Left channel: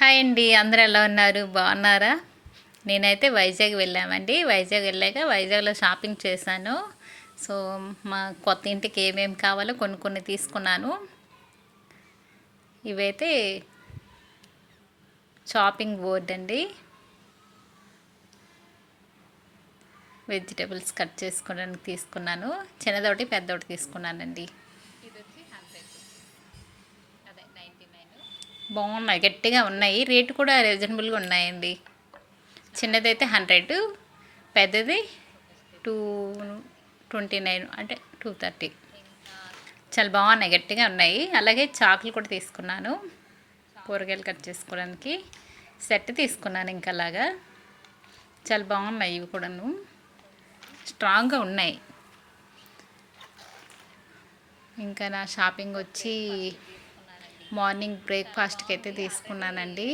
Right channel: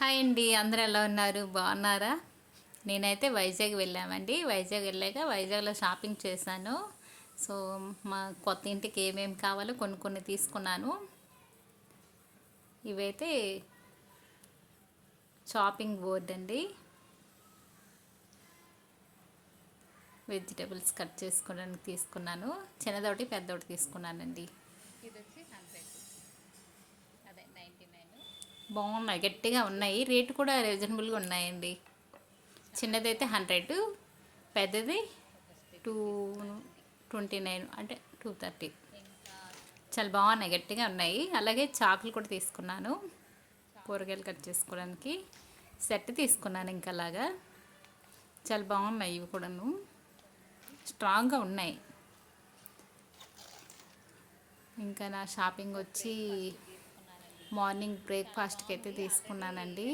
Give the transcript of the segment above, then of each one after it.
Hi అండి, అందరూ ఎలా ఉన్నారు? బాగున్నారా? నేనైతే వైజాగ్ వెళ్ళామండి. వైజాగ్ వెళ్ళాక వైజాగ్లో షాపింగ్ చేశాను. సో మా కొత్త ఇంటికి ఏమేమి కావాలో కొన్ని కొన్ని తీసుకున్నాను. ఇవైతే షాపింగ్ బోర్డ్ అండి. వెజిటేబుల్స్ కట్ చేసుకోవడానికి తీసుకున్నాను. చిన్నదొకటి పెద్దోటి తీసుకున్నానండి. బాగున్నాయి, గట్టిగా ఉన్నాయి. రేటు కూడా రీజనబుల్గా ఉన్నాయండి. చిన్నదైతే 100, పెద్దది 229 అంటే 230. చాలా బాగున్నాయి, గట్టిగా ఉన్నాయి. అలాగే చాకులు కూడా తీసుకున్నాను, కూరగాయలు కట్ చేసుకోవడానికి సెట్ తీసుకున్నాను. ఇంకా అలాగా చాలా బాగున్నాయి, ఇవి కూడాను స్ట్రాంగ్గా ఉన్నాయి. ఇంకా నా షాపింగ్ వచ్చి మార్నింగ్ బ్రేక్ఫాస్ట్కి అయితే తీసుకున్నానండి.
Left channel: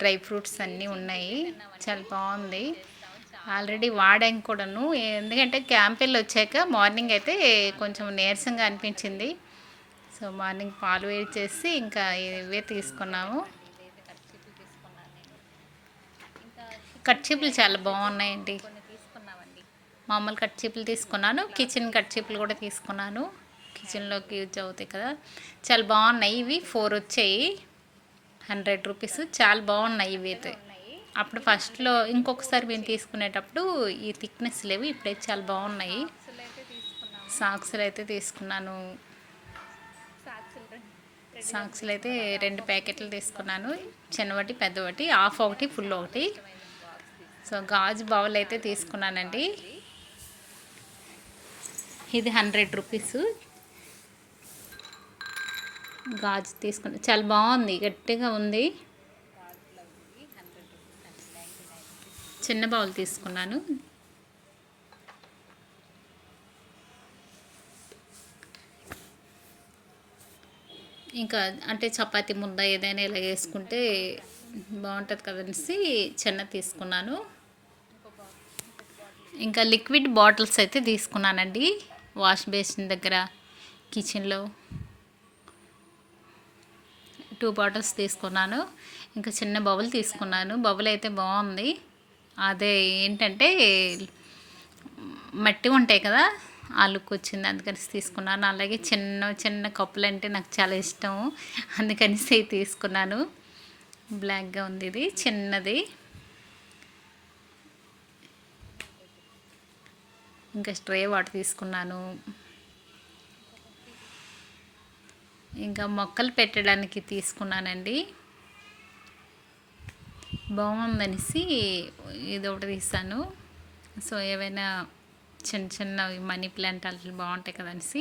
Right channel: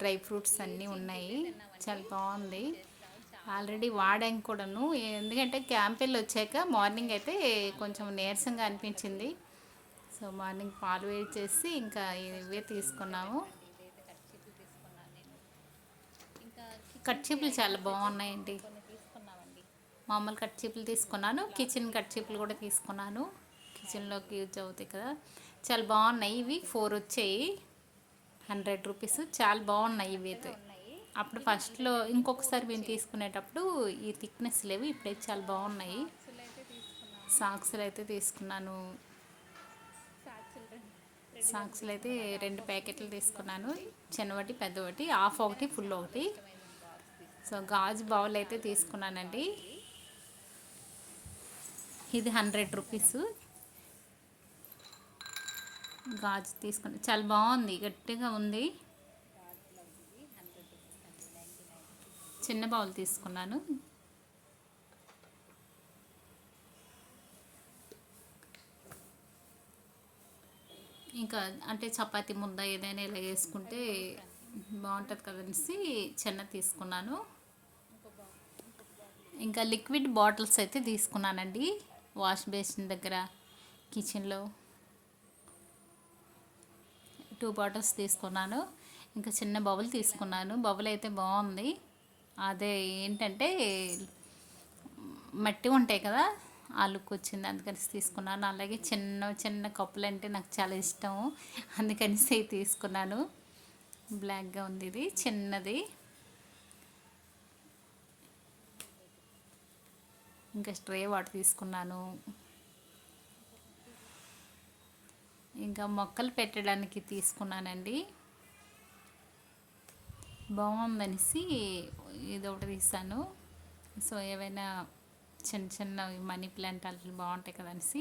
డ్రై ఫ్రూట్స్ అన్నీ ఉన్నాయి, చాలా బాగుంది. ఆల్రెడీ వాడాం కూడాను. ఎందుకంటే క్యాంప్ వెళ్ళి వచ్చాక మార్నింగ్ అయితే కొంచెం నీరసంగా అనిపించింది. సో మార్నింగ్ పాలు వేడి చేసి ఇంకా ఇవే తీసుకున్నాము. కర్చీపులు చాలా బాగున్నాయండి. మామూలు కర్చీపులు తీసుకున్నాను, కిచెన్ కర్చీపులు కూడా తీసుకున్నాను. కిచెన్లోకి యూజ్ అవుతాయి కదా, చాలా బాగున్నాయి. ఇవి 4 వచ్చాయి, 100 రూపీస్. చాలా బాగున్నాయి ఇవి అయితే. అప్పుడు ఫస్ట్లో ఇంకొకసారి మేము తీసుకునేటప్పుడు ఈ థిక్నెస్ లేవు, ఇప్పుడైతే చాలా బాగున్నాయి. సాక్స్లు అయితే తీసుకున్నాను. సాక్స్లు అయితే 2 ప్యాకెట్లు తీసుకున్నాను, చిన్నవాటి పెద్దవాటి, హాఫ్ ఒకటి ఫుల్ ఒకటి. సో గాజు బౌల్ అయితే తీసుకున్నానండి. ఇది 100 రూపీస్ గాజు తీసుకున్నా, చాలా బాగుంది, గట్టిగా ఉంది. చిన్న బౌల్ తీసుకున్నాను. ఇంకా అంటే చపాతీ ముద్ద ఏదైనా ఇలా వేసుకుంటే బాగుంటుంది కదనేసి చిన్న తీసుకున్నాను. ఇంకా లిక్విడ్ బాటిల్స్ అయితే తీసుకున్నానండి. వాష్ బేసిన్ దగ్గర కిచెన్లో 2 బాటిల్స్ తీసుకున్నాను. ఇంకా చిన్న బౌల్ తీసుకున్నాను. బౌల్ అయితే బాగుంది. అదే ఏంటంటే మట్టి ఉంటాయి కదా, ఆ లుక్ వచ్చింది, అందుకని తీసుకున్నాను. అలాగే చిన్న చిన్న కప్పులు అంటే నాకు చాలా ఇష్టం, అందుకని తీసుకున్నాను. బ్లాక్గా ఉంది, ఇది చిన్నది. ఇంకా స్ట్రే వాటర్ తీసుకున్నాను. ఇంకా మొక్కలు పెట్టడానికి తీసుకున్నానండి. బాగుందనేసి ఇది ఒకటి తీసాను. సో ఏవైనా చిన్న చిన్నవి మనీ ప్లాంట్ అట్లా బాగుంటాయి కదనేసి.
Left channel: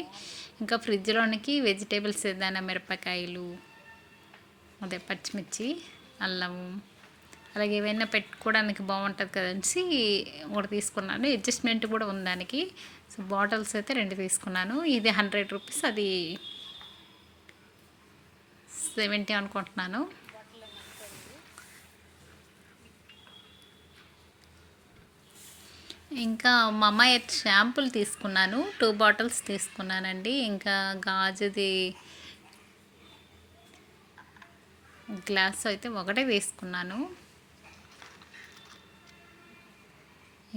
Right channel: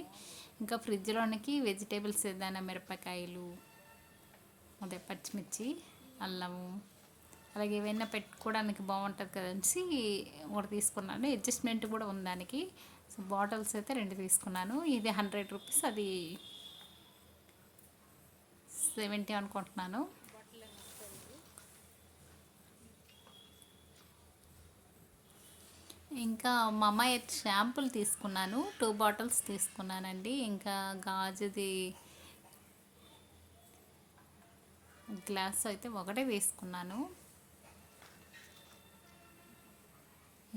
ఇంకా ఫ్రిడ్జ్లోనికి వెజిటేబుల్స్ ఏదైనా మిరపకాయలు, అదే పచ్చిమిర్చి, అల్లము, అలాగే ఏవైనా పెట్టుకోవడానికి బాగుంటుంది కదనేసి ఒకటి తీసుకున్నాను. అడ్జస్ట్మెంట్ కూడా ఉంది దానికి. సో బాటిల్స్ అయితే 2 తీసుకున్నాను. ఇది 100 రూపీస్, అది 70 అనుకుంటున్నాను. ఇంకా మమా ఎర్త్ షాంపూలు తీసుకున్నాను, 2 బాటిల్స్ తీసుకున్నానండి. ఇంకా గాజుది గ్లాస్ అయితే ఒకటే తీసుకున్నాను.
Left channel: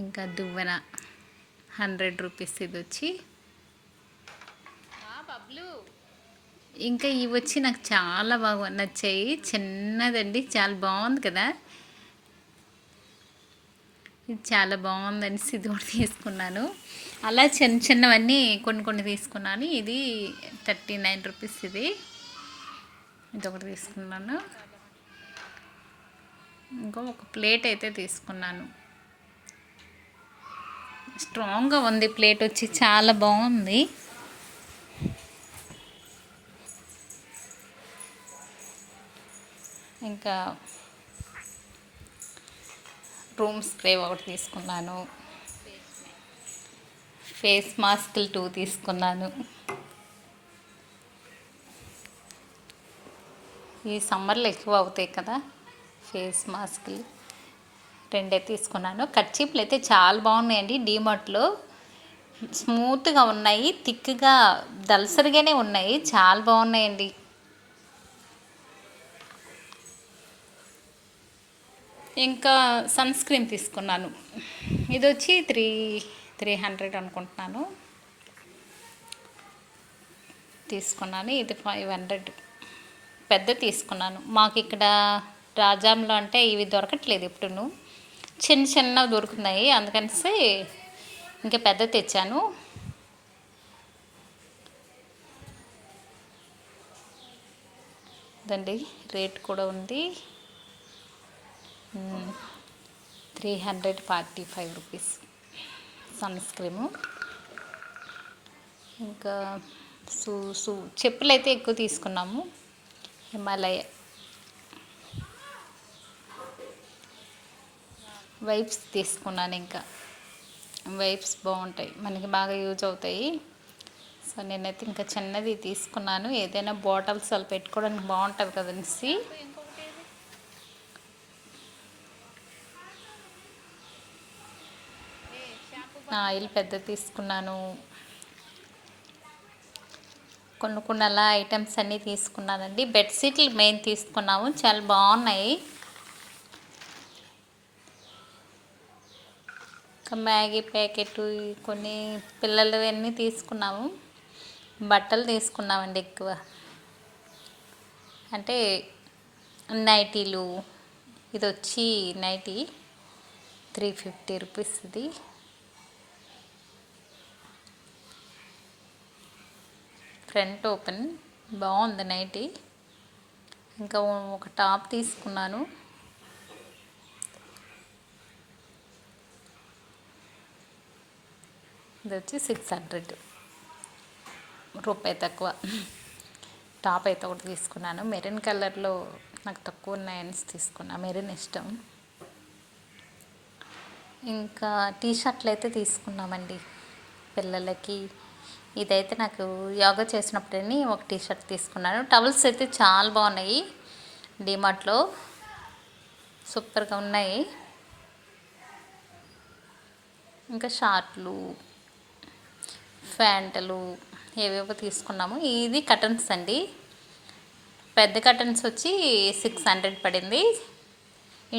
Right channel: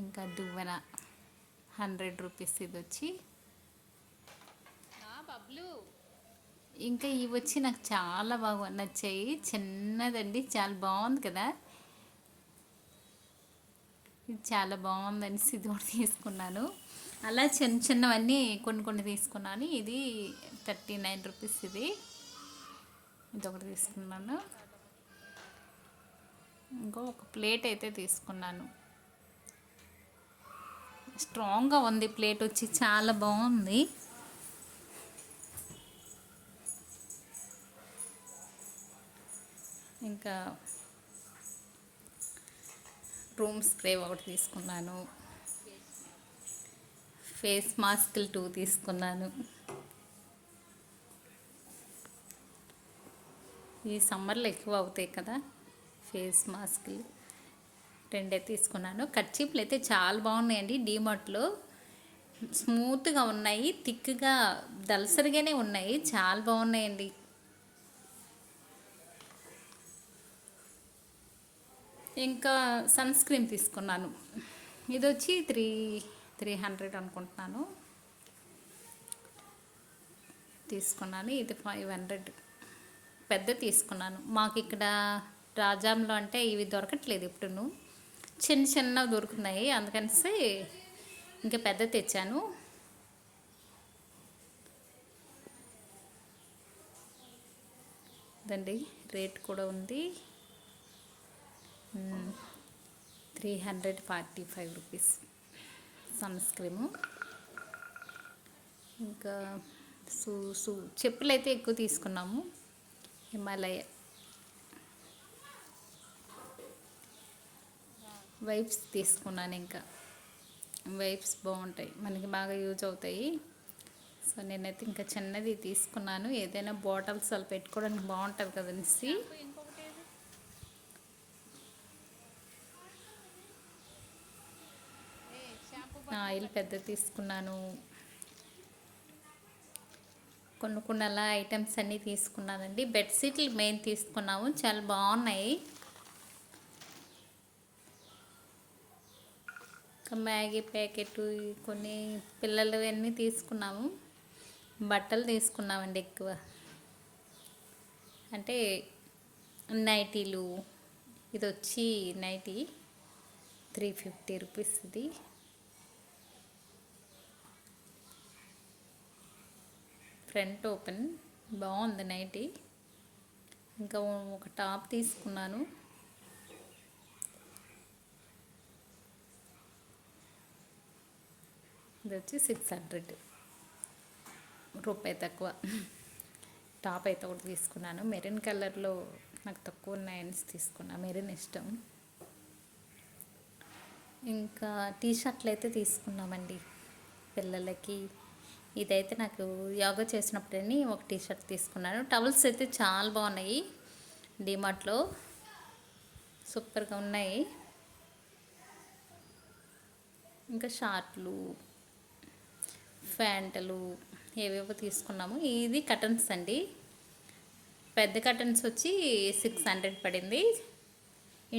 ఇంకా దువ్వెన 100 రూపీస్ ఇది వచ్చి. ఇంకా ఇవి వచ్చి నాకు చాలా బాగా నచ్చాయి. చిన్నదండి, చాలా బాగుంది కదా, ఇది చాలా బాగుందనేసి ఇది ఒకటి తీసుకున్నాను. అలా చిన్న చిన్నవన్నీ కొన్ని కొన్ని తీసుకున్నాను. ఇది 39 రూపీస్, ఇది ఒకటి తీసుకున్నాను. ఇంకో ఒక ప్లేట్ అయితే తీసుకున్నాను. స్ట్రాంగ్గా ఉంది ప్లేట్ వచ్చి, చాలా బాగుంది. ఇంకా రూమ్ స్ప్రే ఒకటి తీసుకున్నాను. ఫేస్ మాస్కులు 2 తీసుకున్నాను. ఈ సమ్మర్లో ఎక్కువ అవుతాయి కదా ఫేస్ మాస్కులు, 2 తీసుకున్నాను. కర్చీఫ్లు అయితే చాలా బాగున్నాయండి. డీమార్ట్లో స్మూత్గా ఉన్నాయి, థిక్గా దలసరిగానే ఉన్నాయి, చాలా బాగున్నాయండి. ఇంకా సన్ స్క్రీన్ తీసుకున్నాను. ఇది వచ్చి 300 అనుకుంటున్నాను తీసుకున్నాను. ఇది 500 పెద్ద తీసుకున్నాను. మాకు ఇక్కడ రాజాంలో అంటే ఇవి దొరకట్లేదు ఎప్పుడును, చిన్న చిన్నవి దొరుకుతున్నాయి, అందుకనేసి ఇంకా పెద్ద తెచ్చాను. ఇదండి రేట్ కూడా ఉంది, 345 రూపీస్ సన్ స్క్రీము. ఇంకా చెప్పులు అయితే ఎక్కువ తీసుకున్నాము, హిమాలయ. వైప్స్ తీసుకున్నాను, ఇంకా వైప్స్ బాగుంటాయి, మనకి బాగా యూజ్ అవుతాయి. సో నేనైతే ఇంకా చిన్నది తీసుకున్నాను, ఏదైనా బాటిల్స్ అలా పెట్టుకోవడానికి బాగుంటుంది కదనేసి. ఆయిల్ పెద్ద తీసుకున్నాను. కొన్ని అలా ఐటమ్స్ అన్నీ తీసుకున్నానండి. బెడ్షీట్లు మెయిన్ తీసుకున్నాము, చాలా బాగున్నాయి. ఇంకా మ్యాగీ ప్యాకెట్, కొన్ని పిల్లలవన్నీ తీసుకున్నాము. బట్టలు తీసుకున్నామండి ఎక్కువ, అంటే నైటీలు. ఇది వచ్చి నైటీ 350 రూపీస్. ఇది ఫ్రంట్ ఓపెన్, బాగుంది నైటీ. ఇంకా ఒక టాప్ తీసుకున్నాను. ఇది వచ్చి 600 రూపాయి తక్కువ. టాప్ అయితే ఒకటి తీసుకున్నాను, మెరూన్ కలర్లో నాకు తక్కువ ఉన్నాయని తీసుకున్నా, మెరూన్ ఇష్టం. ఇంకా టీ షర్ట్లు అయితే తీసుకున్నామండి పిల్లలకి. ఇదైతే నాకు యోగా చేసినప్పుడని ఒక టీ షర్ట్ తీసుకున్నాను. టవల్స్ అయితే చాలా బాగున్నాయి, డిమార్ట్లో సూపర్గా ఉన్నాయి. ఇంకా షార్ట్లు, ప్యాంట్లు ఏవేవో తీసుకున్నాము. ఇది కటన్స్ అండి, పెద్ద కటన్స్ వచ్చి 600 పడింది,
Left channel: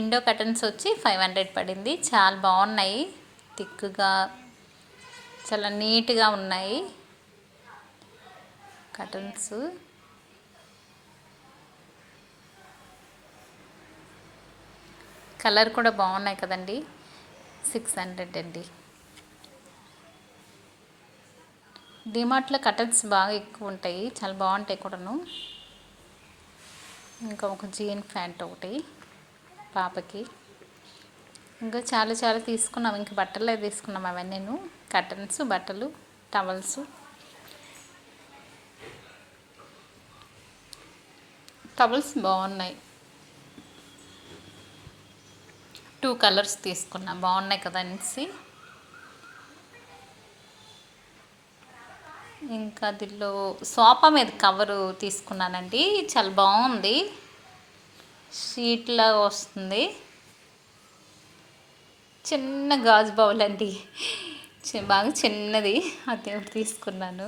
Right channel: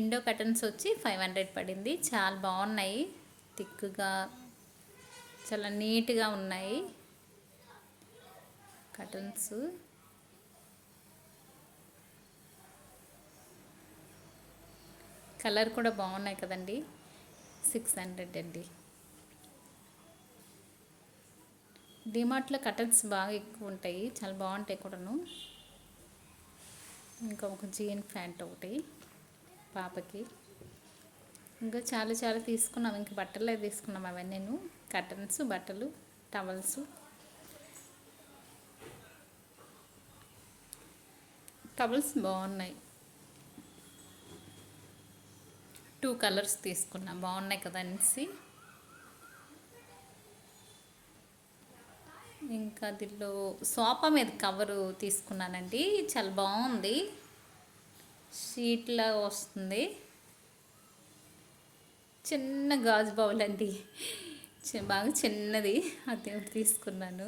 ఇండో కటన్స్ వచ్చి 500 పడింది. చాలా బాగున్నాయి, థిక్గా చాలా నీట్గా ఉన్నాయి కటన్స్. కలర్ కూడా బాగున్నాయి కదండి. 600 అండి. డిమార్ట్లో కటన్స్ బాగా ఎక్కువ ఉంటాయి, చాలా బాగుంటాయి కూడాను. ఇంకా ఒక జీన్ ప్యాంట్ ఒకటి పాపకి. ఇంకా చాలా చాలా తీసుకున్నాం, ఇంకా బట్టలే తీసుకున్నాం అవన్నీ. కటన్స్, బట్టలు, టవల్స్. టవల్స్ బాగున్నాయి, 2 కలర్స్ తీసుకున్నా, బాగున్నాయి కదా అనేసి. ఇంకా దీనిలో సోఫా మీద కవరు తీసుకున్నానండి, చాలా బాగుంది, షీట్లా వస్తుంది. చిన్న గాజు బౌల్ అండి, బాగా చిన్నది, అది ఒకటి తీసుకున్నాను.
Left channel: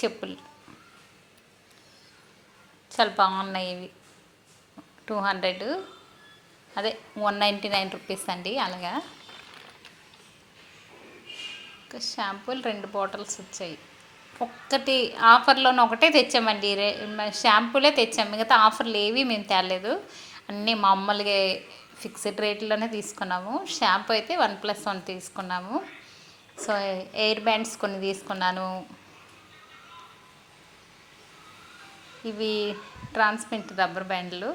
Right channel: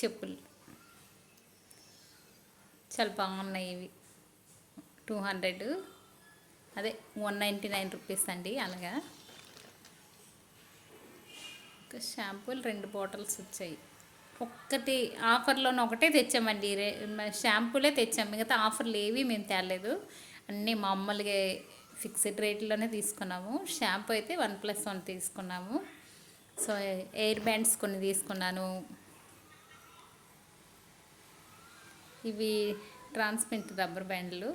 చెప్పులు చాలా బాగున్నాయి, ఇవి 200, అదే 199 రూపీస్ అండి. అలాగా ఇంకా షాంపూలు 2 బాటిల్స్ వచ్చాయి. ఒక్కటి ఆఫర్లోనే ఒకటే తెచ్చామండి, షాంపూలే తెచ్చాము, మిగతా ఆఫర్లు ఏవి మేము తేలేదు, అన్నీ మామూలుగా ఫిక్స్డ్ రేట్లోనే తీసుకున్నాము. షాంపూ అయితే 1+1 తీసుకున్నాము. సో ఎయిర్ బ్యాండ్స్ కొన్ని తీసుకున్నాను, ఇవి ట్రాన్స్పరెంట్ రబ్బర్ బ్యాండ్లు.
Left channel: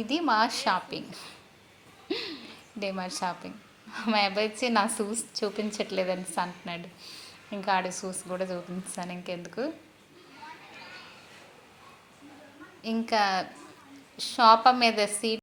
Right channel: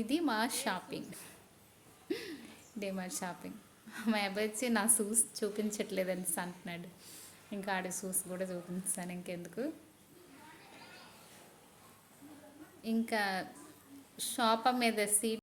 ఇది మా షాపింగ్, డిమార్ట్ షాపింగ్. మా అబ్బాయి వచ్చి నా షూస్ చూపించట్లేదని అంటున్నాడు, ఇంకా ఆడ షూస్ కూడా చూపించాను ఇంకెందుకు. ఇంకా షాప్ మీద సీట్